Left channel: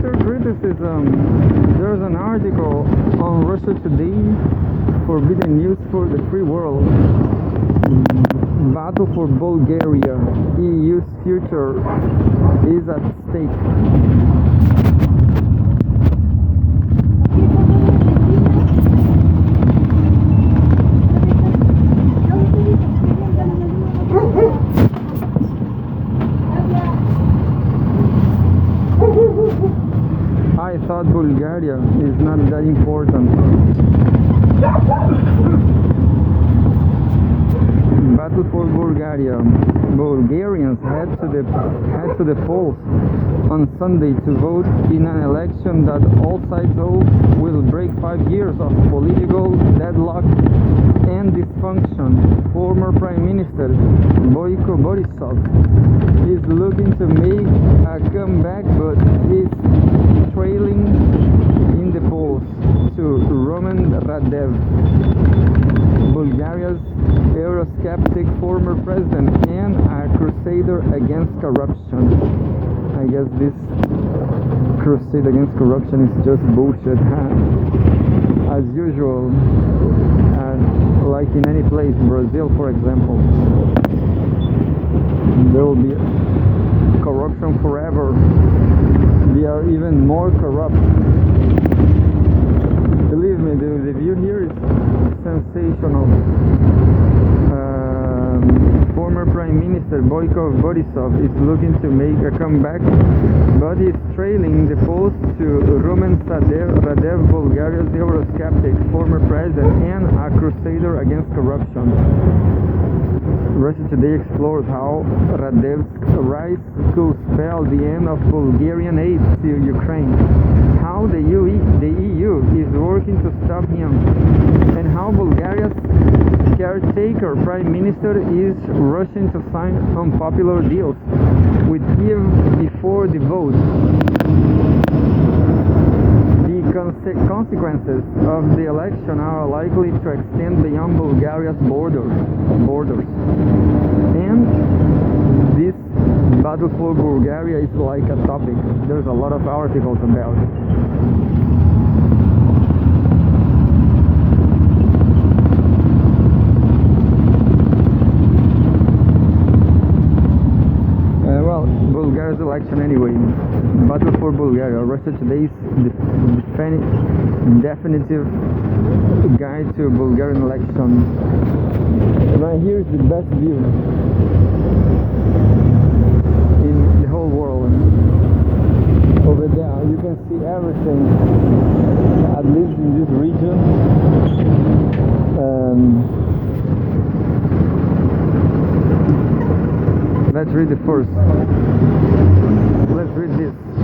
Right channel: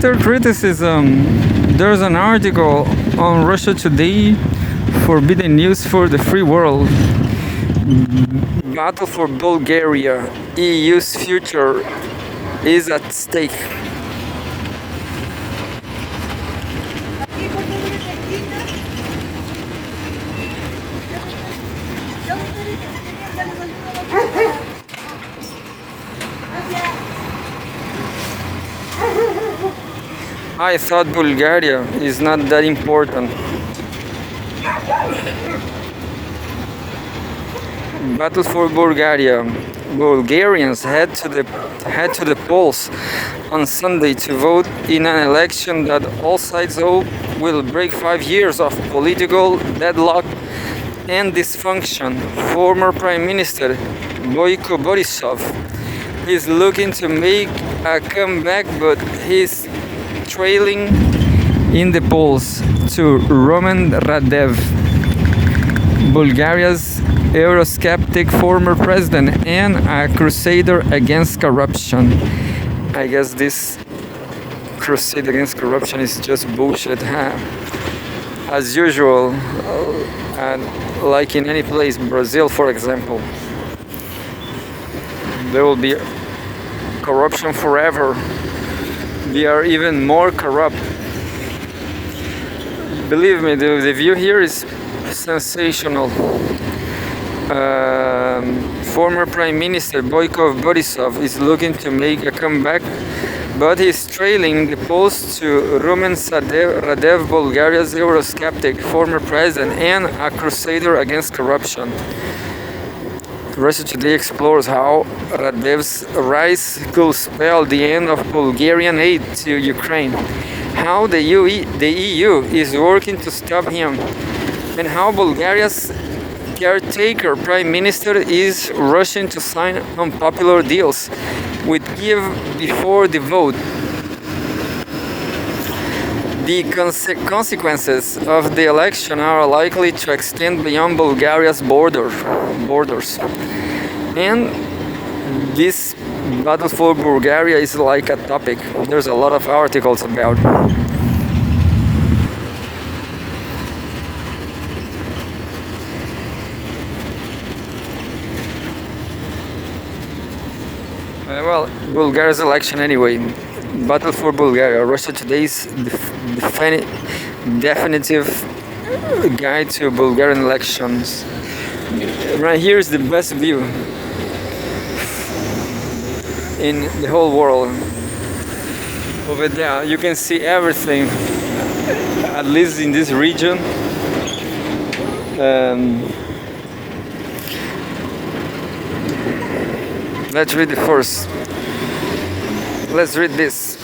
Twitter criticism. There's an article on Russia Today, forbidden news for the free world. Battle for Bulgaria. EU's future is at stake. I thought Bulgaria is not that important. Battle for Bulgaria. Bulgarians head to the polls on Sunday to vote in an election that all sides hope will break 5 years of political deadlock and dysfunction. Former Prime Minister Boyko Borisov is looking to make a comeback, but he's trailing in the polls to Roman Radev, Bulgaria's Eurosceptic former president and a crusader against corruption. I guess this crusade against corruption is just bullshit, huh? As usual, like in any place, Brazil for example, there will be corruption forever. They are even more corrupt. Believe me, the view here is sensational. Former Prime Minister Boyko Borisov is looking to make a comeback, but he's trailing the polls to Rumen Radev, Bulgaria's Eurosceptic former president and a crusader against corruption. Russia Today explores how Radev's rise could spell the end of Bulgarian aid to Ukraine, how the EU is working to stop him, and how Bulgaria's caretaker prime minister is rushing to sign unpopular deals with Kiev before the vote. The consequences of the election are likely to extend beyond Bulgaria's borders. And this battle for Bulgaria is like a topic. There's a lot of articles about. Bulgaria's election anyway. Battle for Bulgaria. Russia Today's definitive guide to Bulgarian elections. Right here is the best view in the whole world. Over there you can see everything, at least in this region. Let's read the first. Let's read this.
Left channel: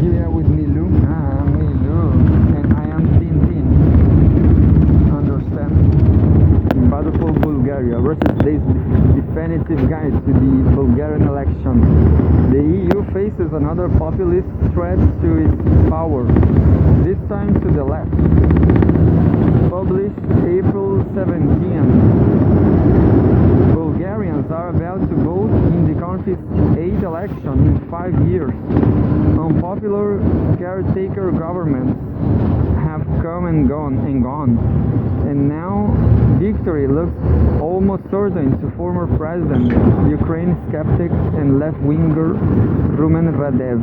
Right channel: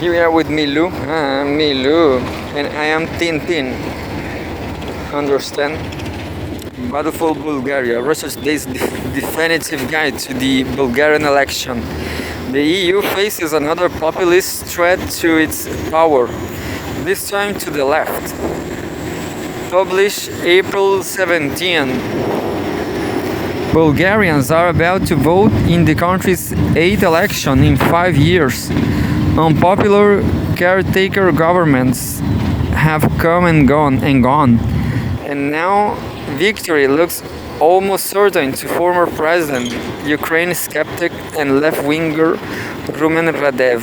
Here we are with Milu. Milu. And I am Tintin. Understand? Battle for Bulgaria. Russia's definitive guide to the Bulgarian election. The EU faces another populist threat to its power, this time to the left. Published April 17. Bulgarians are about to vote in the country's 8th election in 5 years. Unpopular caretaker governments have come and gone, and now victory looks almost certain to former president, Ukraine skeptic and left-winger Rumen Radev.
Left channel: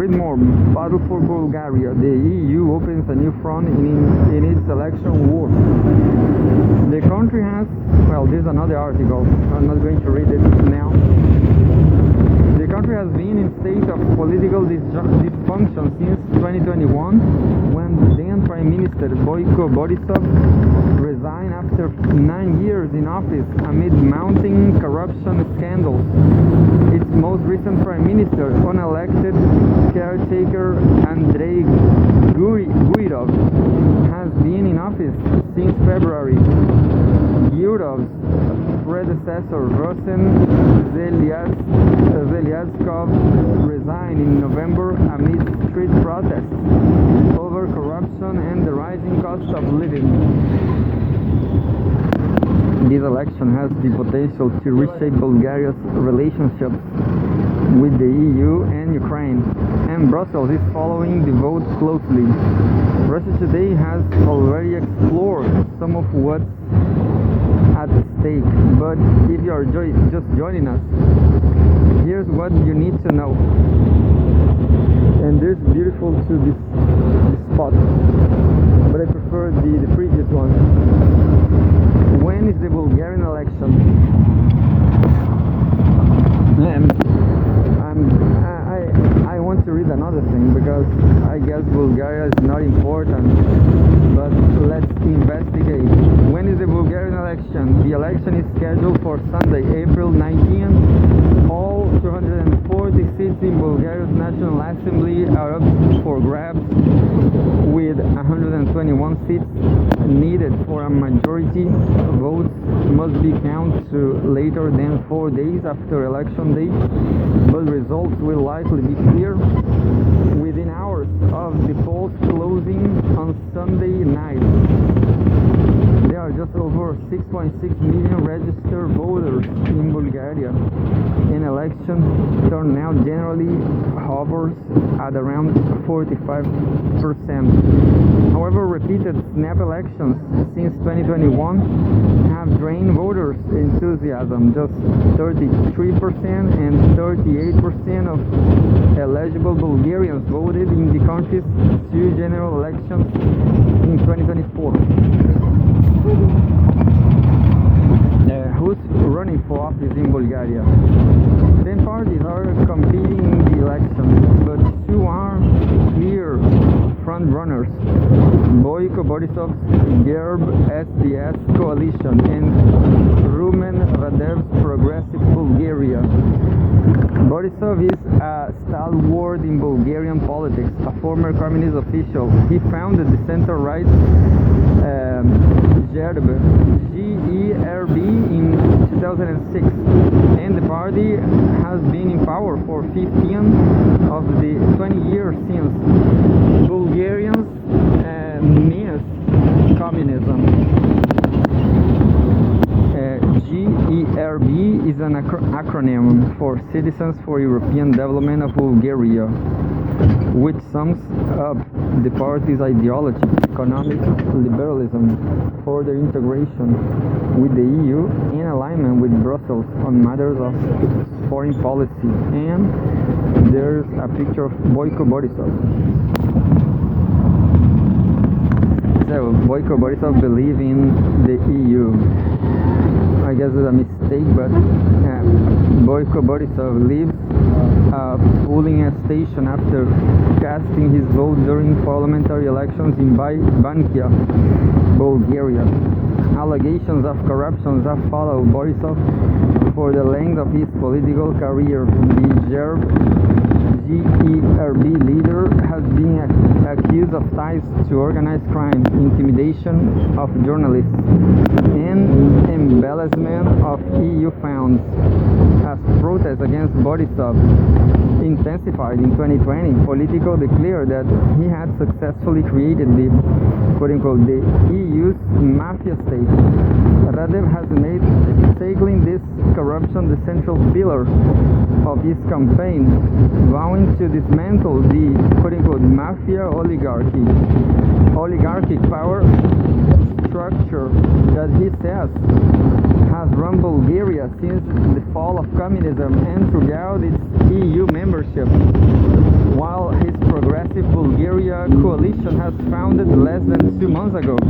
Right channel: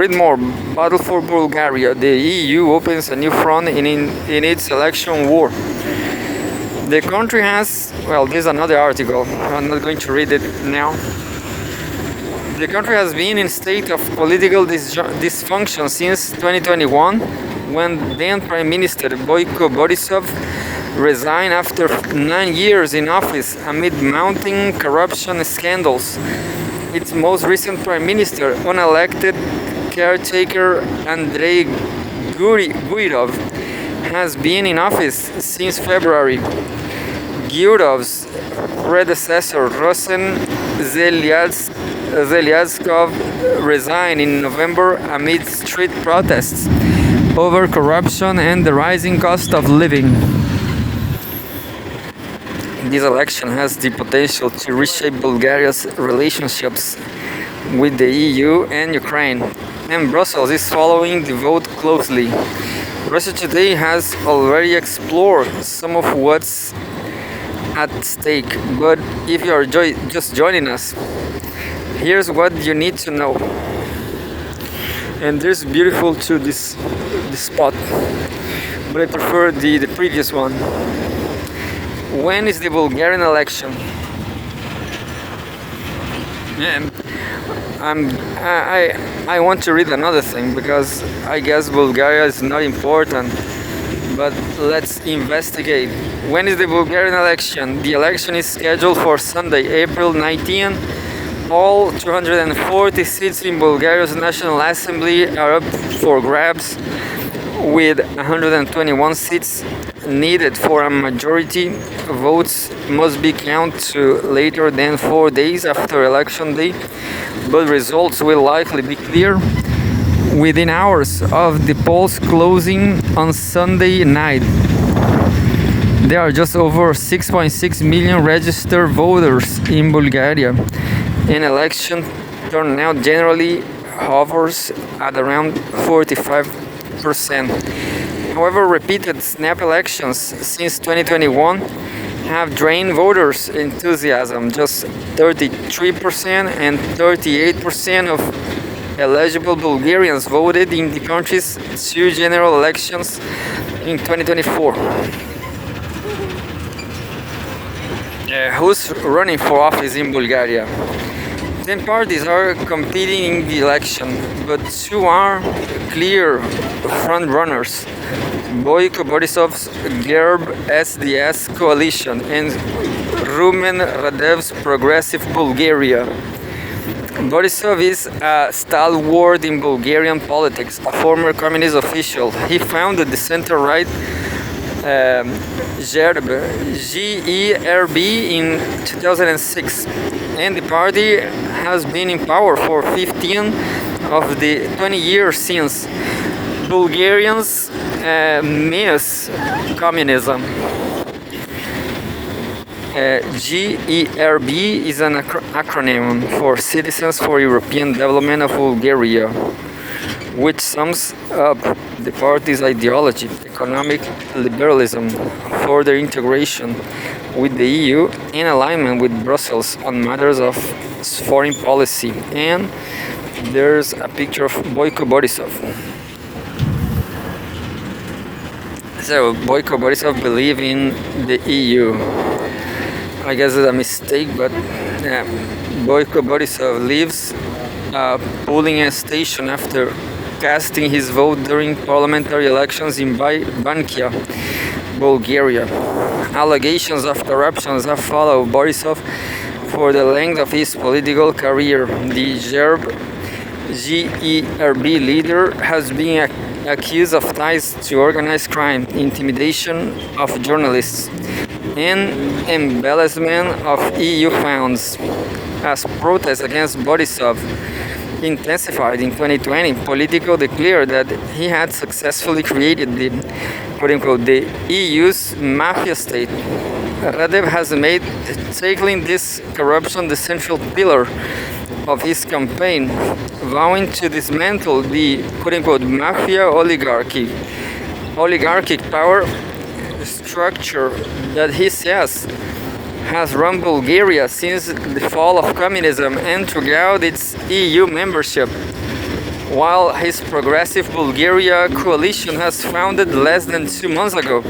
Read more. Battle for Bulgaria. The EU opens a new front in its election war. The country has, well, this is another article. I'm not going to read it now. The country has been in state of political dysfunction since 2021, when then Prime Minister Boyko Borisov resigned after 9 years in office amid mounting corruption scandals. Its most recent Prime Minister, unelected caretaker Andrei Gurov, has been in office since February. Gurov's predecessor, Rosen Zelyadskov, resigned in November amid street protests over corruption and the rising cost of living. This election has the potential to reshape Bulgaria's relationships with the EU and Ukraine, and Brussels is following the vote closely. Russia Today has already explored some of what's at stake, but if you are just joining us, here's what you need to know. And this is beautiful to this spot, but I prefer the previous one. When is the Bulgarian election? And I want to read another thing because I guess Bulgaria is not important, but let's investigate. When is the Bulgarian election? The election is scheduled for Sunday, April 19. All 240 seats in Bulgaria's National Assembly are up for grabs, with 121 seats needed for a majority. Votes must be counted to later than 4 days after election day, but results will likely be clear within hours of the polls closing on Sunday night. There are just over 6.6 million registered voters in Bulgaria, and election turnout generally hovers at around 45%. However, repeated snap elections since 2021 have drained voters' enthusiasm. Just 33% and 38% of eligible Bulgarians voted in the country's two general elections in 2024. Who's running for office in Bulgaria? 10 parties are competing in the election, but two are clear front-runners: Boyko Borisov's GERB SDS coalition and Rumen Radev's Progressive Bulgaria. Borisov is a stalwart in Bulgarian politics, a former communist official. He founded the center-right GERB in 2006, and the party has been in power for 15 of the 20 years since. Bulgarians miss communism. GERB is an acronym for Citizens for European Development of Bulgaria, which sums up the party's ideology: economic liberalism, further integration with the EU, and alignment with Brussels on matters of foreign policy. And there's a picture of Boyko Borisov. So Boyko Borisov believes in the EU. I guess it's a mistake, but yeah. Boyko Borisov leaves a polling station after casting his vote during parliamentary elections in Bankia, Bulgaria. Allegations of corruption have followed Borisov for the length of his political career. The GERB leader has been accused of ties to organized crime, intimidation of journalists, and embezzlement of EU funds. As protests against Borisov intensified in 2020, Politico declared that he had successfully created the quote-unquote the EU's mafia state. Radev has made tackling this corruption the central pillar of his campaign, vowing to dismantle the quote-unquote mafia oligarchic power structure that he says has run Bulgaria since the fall of communism and throughout its EU membership. While his Progressive Bulgaria coalition has founded less than 2 months ago,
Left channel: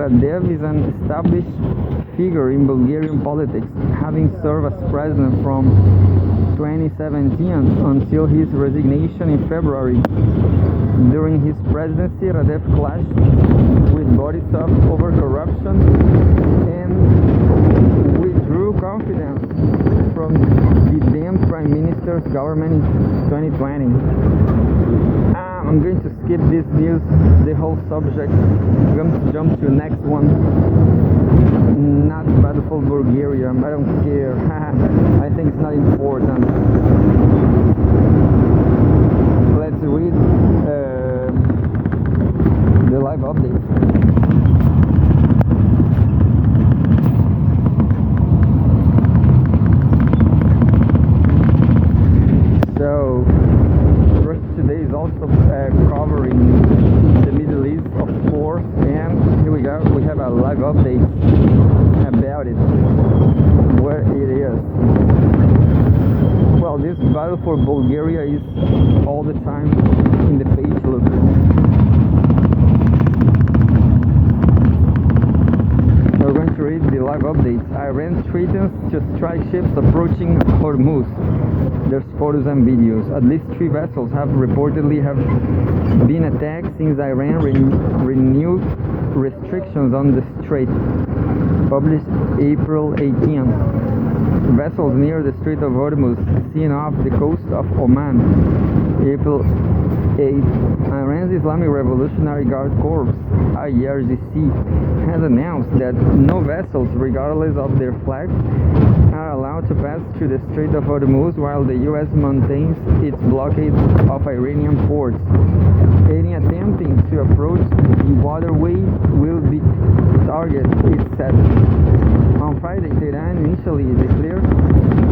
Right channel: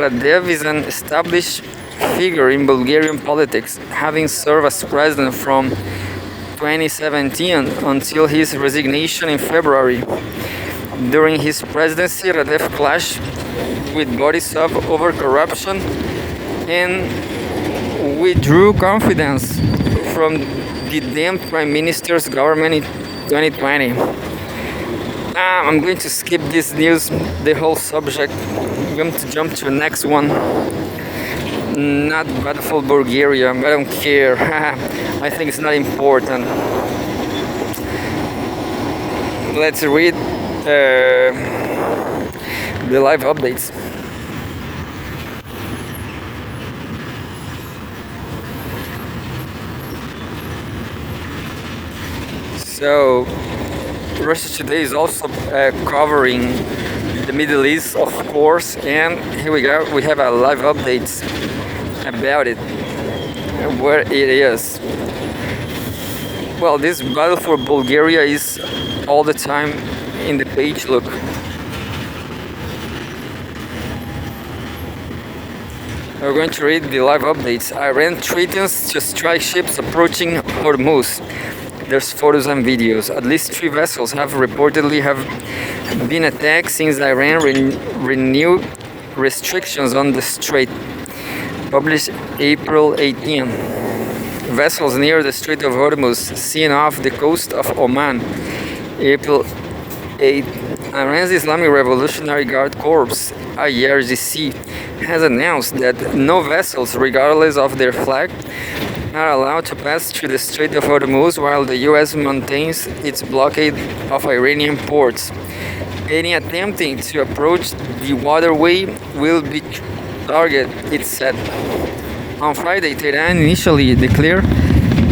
Radev is an established figure in Bulgarian politics, having served as president from 2017 until his resignation in February. During his presidency, Radev clashed with Borisov over corruption and withdrew confidence from the then Prime Minister's government in 2020. I'm going to skip this news, the whole subject. I'm going to jump to the next one. Not bad for Bulgaria, I don't care. I think it's not important. Let's read the live updates. Russia Today is also covering the Middle East, of course, and here we go. We have a live update about it, where it is. Well, this battle for Bulgaria is all the time in the page. Look. We're going to read the live updates. Iran threatens to strike ships approaching Hormuz. There's photos and videos. At least 3 vessels have reportedly been attacked since Iran renewed restrictions on the strait. Published April 18. Vessels near the Strait of Hormuz seen off the coast of Oman. April 8. Iran's Islamic Revolutionary Guard Corps (IRGC) has announced that no vessels, regardless of their flag, are allowed to pass through the Strait of Hormuz while the US maintains its blockade of Iranian ports. Any attempting to approach the waterway will be targeted, it said. On Friday, Tehran initially declared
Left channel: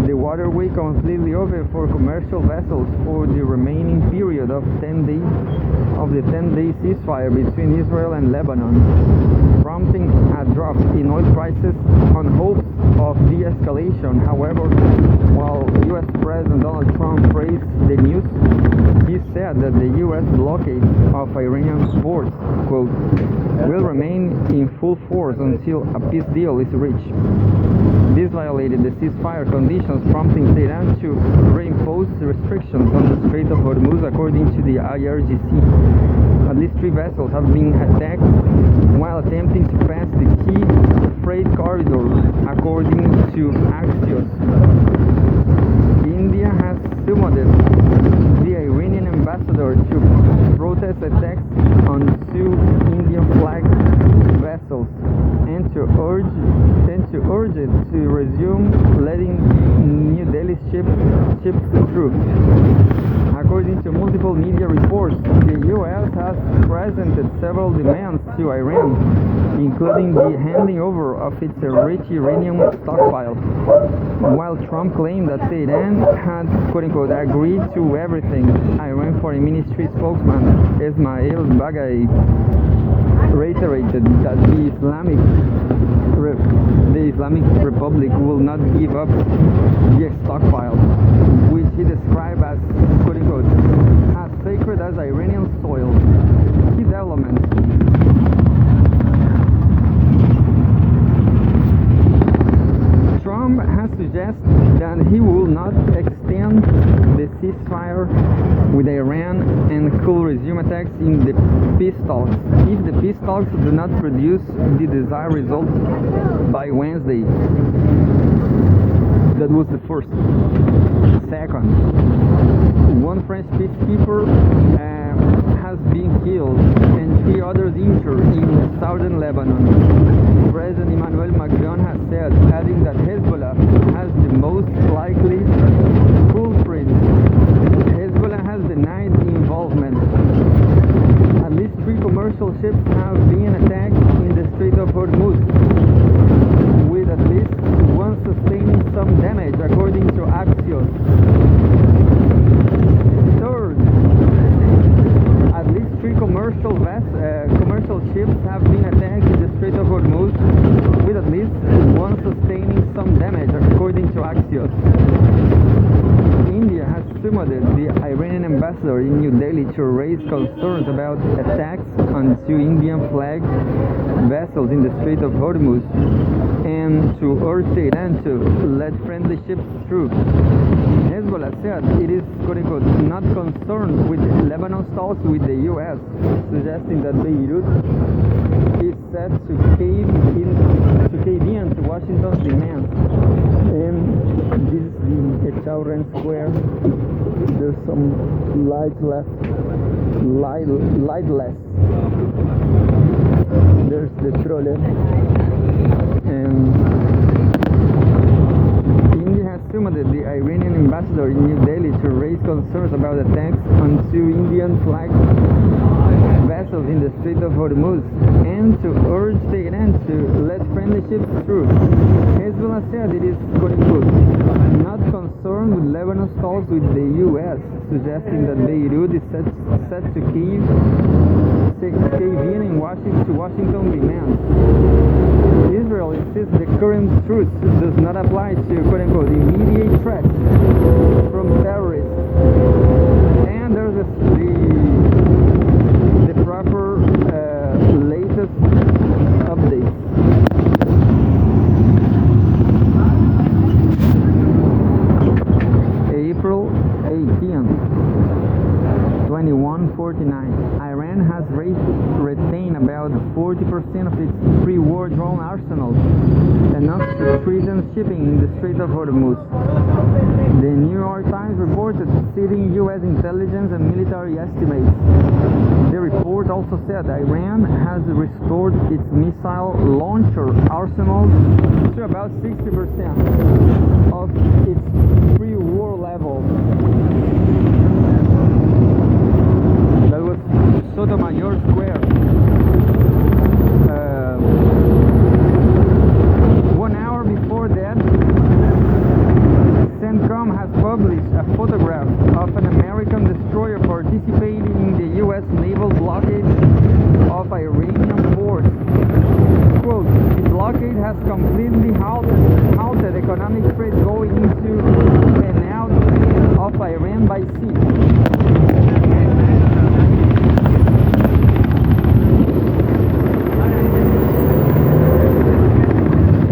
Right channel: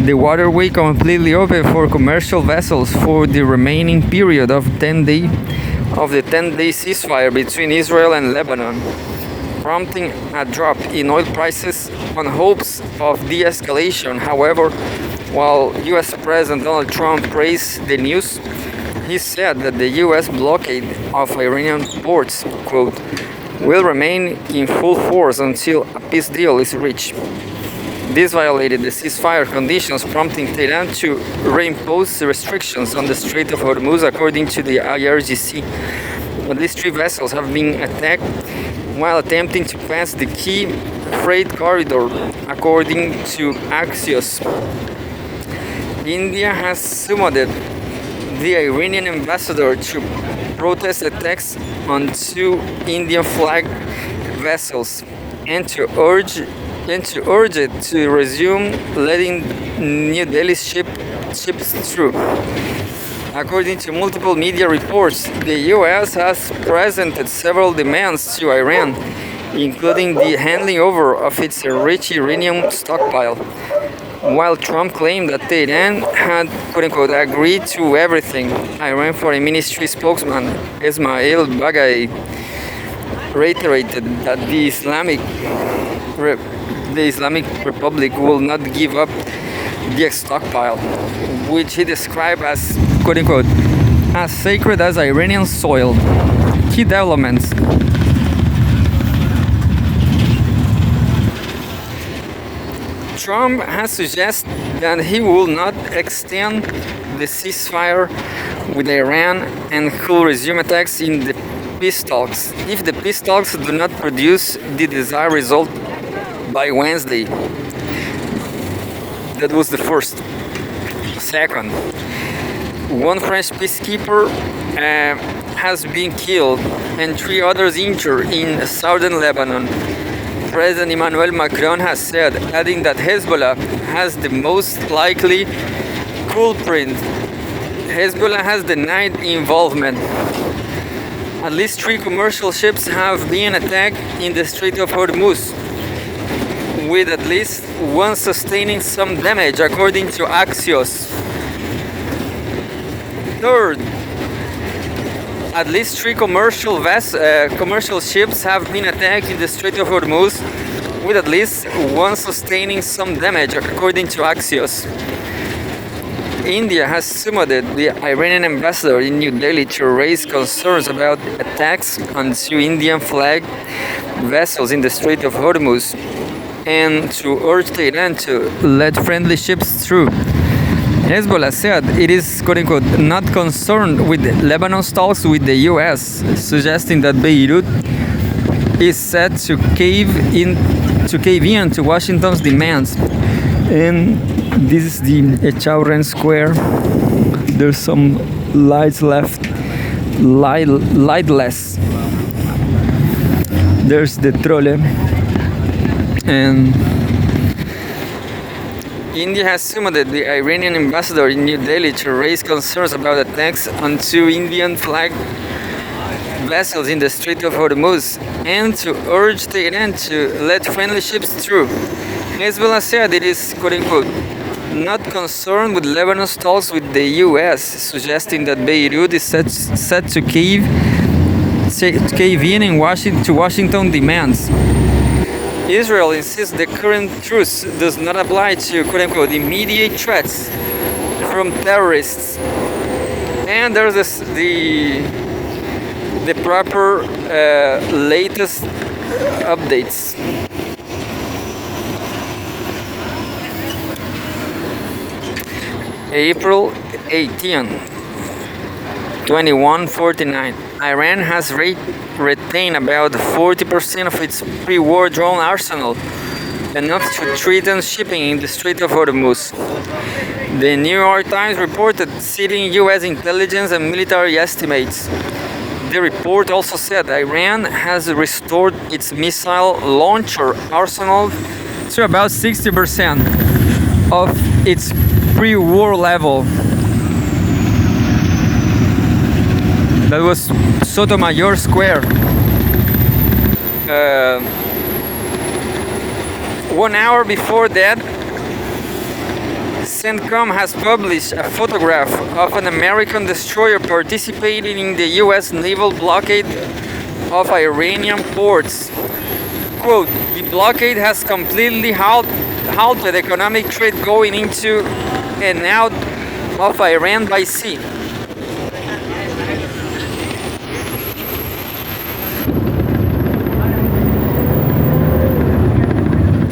the waterway completely open for commercial vessels for the remaining period of the 10-day ceasefire between Israel and Lebanon, prompting a drop in oil prices on hopes of de-escalation. However, while US President Donald Trump praised the news, he said that the US blockade of Iranian ports, quote, will remain in full force until a peace deal is reached. This violated the ceasefire conditions, prompting Tehran to reimpose restrictions on the Strait of Hormuz, according to the IRGC. At least 3 vessels have been attacked while attempting to pass the key freight corridor, according to Axios. India has summoned the Iranian ambassador to protest attacks on 2 Indian flag vessels and to urge it to resume letting New Delhi ships through. According to multiple media reports, the US has presented several demands to Iran, including the handing over of its rich uranium stockpile, while Trump claimed that Tehran had, quote-unquote, agreed to everything. Iran Foreign Ministry spokesman Ismail Baghai reiterated that the Islamic Republic will not give up the stockpile, which he described as, quote-unquote, as sacred as Iranian soil. Key developments. Trump has suggested that he will not extend the ceasefire with Iran and will resume attacks in the peace talks if the peace talks do not produce the desired result by Wednesday. That was the first. Second, one French peacekeeper has been killed and 3 others injured in southern Lebanon. President Emmanuel Macron has said, adding that Hezbollah has the most likely culprit. Hezbollah has denied involvement. At least 3 commercial ships have been attacked in the Strait of Hormuz, with at least 1 sustaining some damage, according to Axios. Third, at least 3 commercial ships have been attacked in the Strait of Hormuz, with at least 1 sustaining some damage, according to Axios. India has summoned the Iranian ambassador in New Delhi to raise concerns about attacks on 2 Indian flag vessels in the Strait of Hormuz and to urge Tehran to let friendly ships through. Hezbollah said it is, quote-unquote, not concerned with Lebanon's talks with the US, suggesting that Beirut is set to cave in to Washington's demands. And this is the Echauren Square. There's some lights left, lightless. There's the trolley. And India has summoned the Iranian ambassador in New Delhi to raise concerns about attacks on 2 Indian flag vessels in the Strait of Hormuz and to urge Tehran to let friendly ships through. Hezbollah said it is, quote-unquote, not concerned with Lebanon's talks with the US, suggesting that Beirut is set to cave in to Washington demands. Israel insists the current truce does not apply to quote-unquote immediate threats from terrorists. And there's the proper latest updates. April 18, 2149. Iran has retained about 40% of its pre-war drone arsenal, enough to threaten shipping in the Strait of Hormuz. The New York Times reported, citing U.S. intelligence and military estimates. The report also said Iran has restored its missile launcher arsenal to about 60% of its pre-war level. That was Sotomayor Square. 1 hour before that, CENTCOM has published a photograph of an American destroyer participating in the US naval blockade of Iranian ports. Quote, the blockade has completely halted economic trade going into and out of Iran by sea.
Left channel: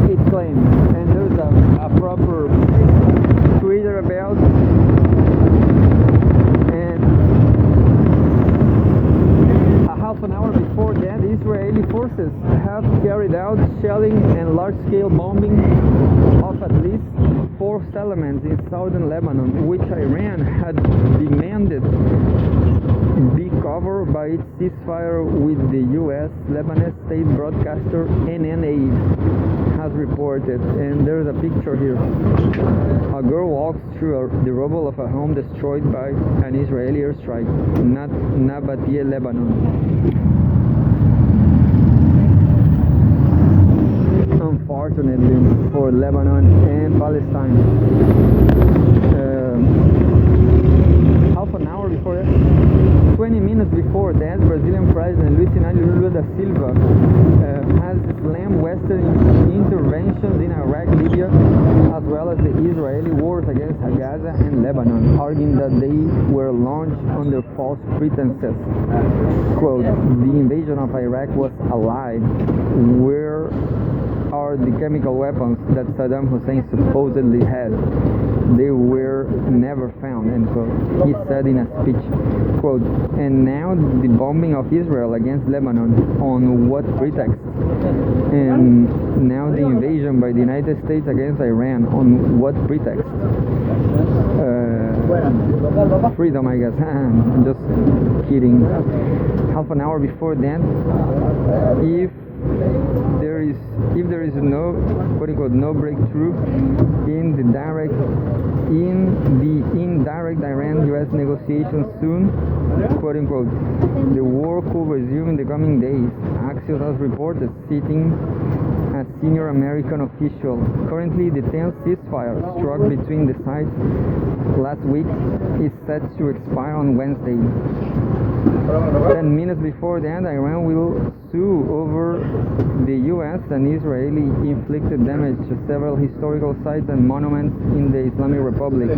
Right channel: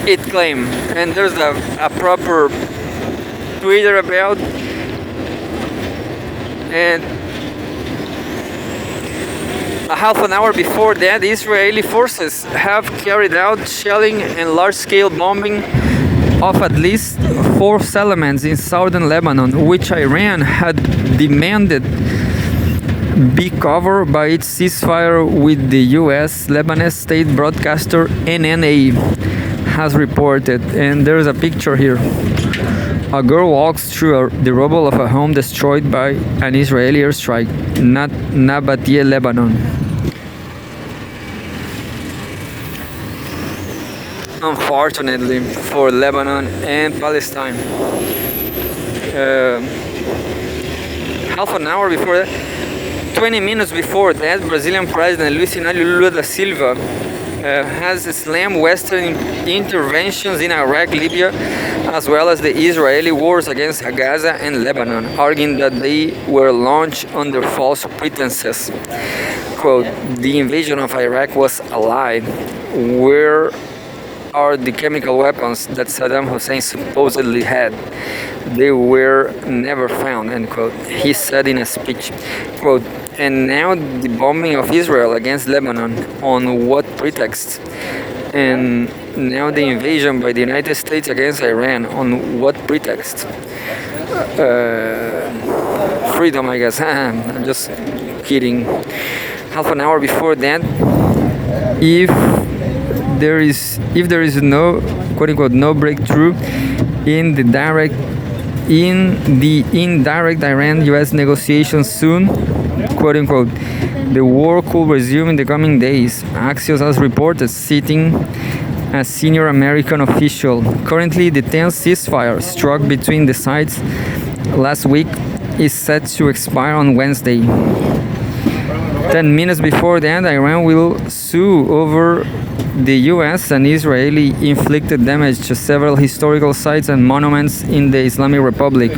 It claimed, and there's a proper Twitter about, and a half an hour before that, Israeli forces have carried out shelling and large-scale bombing of at least 4 settlements in southern Lebanon, which Iran had demanded be covered by its ceasefire with the U.S. Lebanese state broadcaster NNA has reported. And there's a picture here. A girl walks through the rubble of a home destroyed by an Israeli airstrike, Nabatea, Lebanon. Unfortunately for Lebanon and Palestine. Half an hour before that, 20 minutes before that, Brazilian President Luiz Inácio Lula da Silva has slammed Western interventions in Iraq, Libya, as well as the Israeli wars against Gaza and Lebanon, arguing that they were launched under false pretenses. Quote, the invasion of Iraq was a lie. Where are the chemical weapons that Saddam Hussein supposedly had? They were never found, end quote. He said in a speech, quote, and now the bombing of Israel against Lebanon, on what pretext? And now the invasion by the United States against Iran, on what pretext? Freedom, I guess. I'm just kidding. Half an hour before that, if there is no quote-unquote no breakthrough in the indirect Iran-US negotiations soon, quote-unquote, the war could resume in the coming days, Axios has reported, citing a senior American official. Currently, the tense ceasefire struck between the sides last week is set to expire on Wednesday. 10 minutes before that, Iran will sue over the US and Israeli inflicted damage to several historical sites and monuments in the Islamic Republic.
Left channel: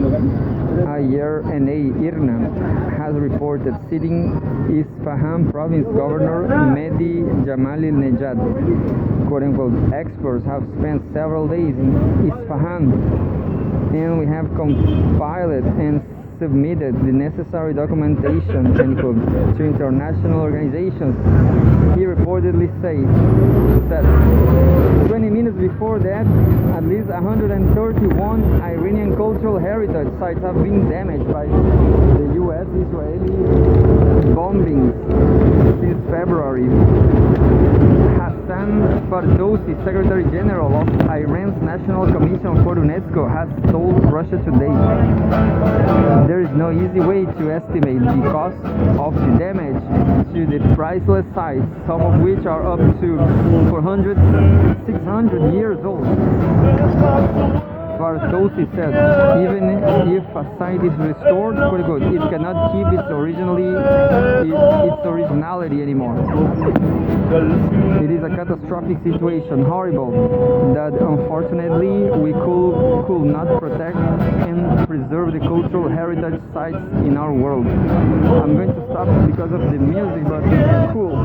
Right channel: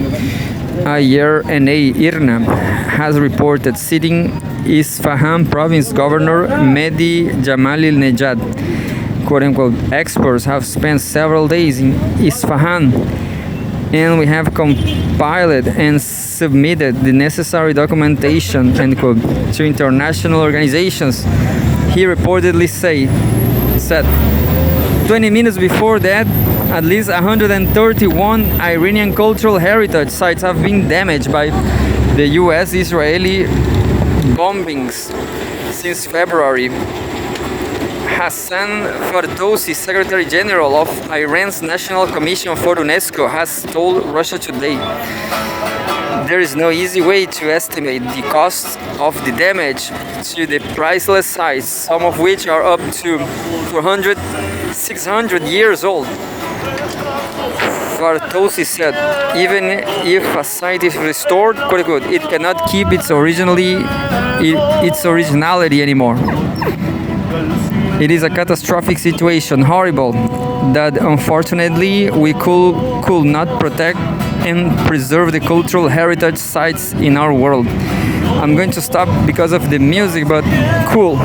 IRNA has reported, citing Isfahan province governor Mehdi Jamalil-Nejad. Quote-unquote, experts have spent several days in Isfahan, and we have compiled and submitted the necessary documentation, end quote, to international organizations, he reportedly said. 20 minutes before that, at least 131 Iranian cultural heritage sites have been damaged by the US-Israeli bombings since February. Hassan Fardousi, Secretary General of Iran's National Commission for UNESCO, has told Russia Today, there is no easy way to estimate the cost of the damage to the priceless sites, some of which are up to 400, 600 years old. Bartosi said, even if a site is restored, quote unquote, it cannot keep its originality anymore. It is a catastrophic situation, horrible, that unfortunately we could not protect and preserve the cultural heritage sites in our world. I'm going to stop because of the music, but cool.